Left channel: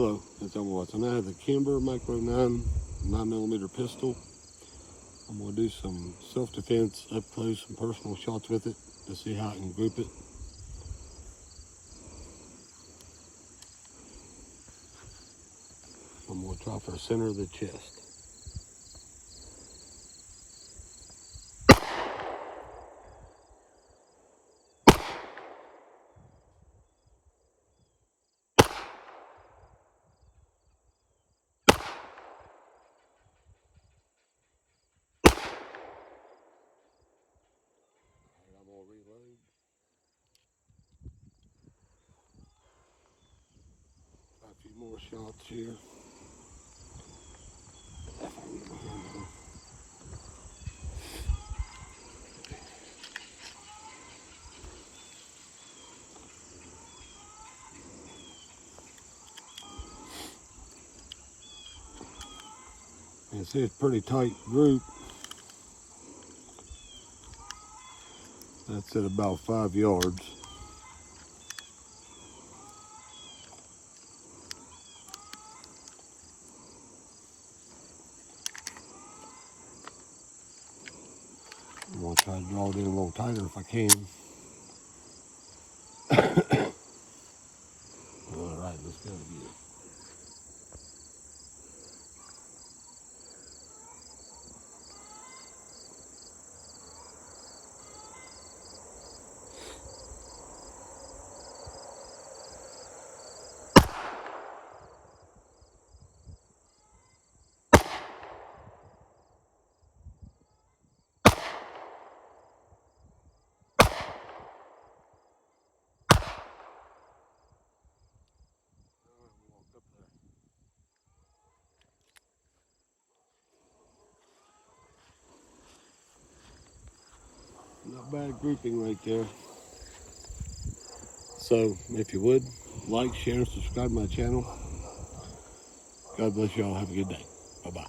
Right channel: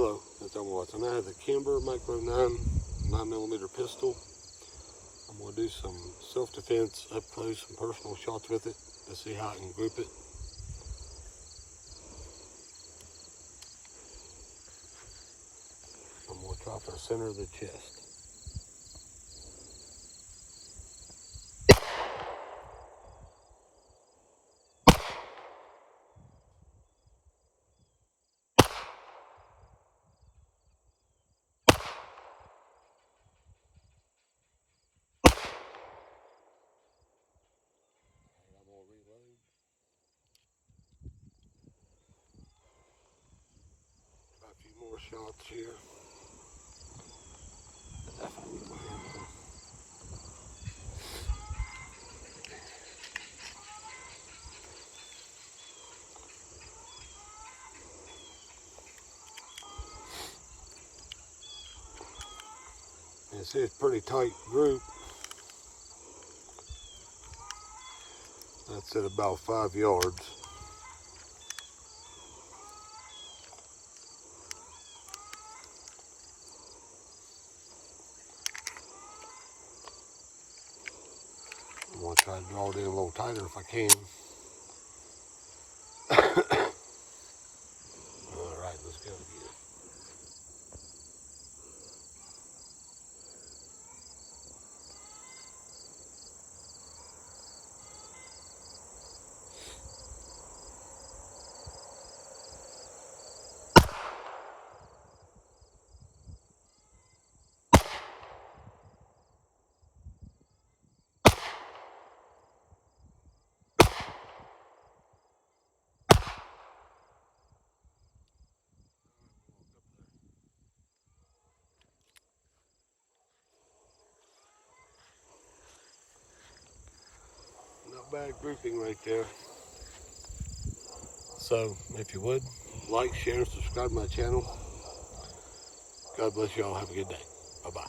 Hello, it's Overwatch, and I have the Kimber Micro 9mm pistol. I'm going to do some self-defense, up close, and personal shots with it to see how I can grip it. I'm going to try for the center of the chest. A few more shots here. This is a pretty tight group. That's at about 5 yards. I'm going to try to draw it in a little tighter if I can. Alright, let's go again. Not bad grouping right there. So, if you would, like, share, and subscribe to my channel. God bless y'all. Have a good day. Bye-bye.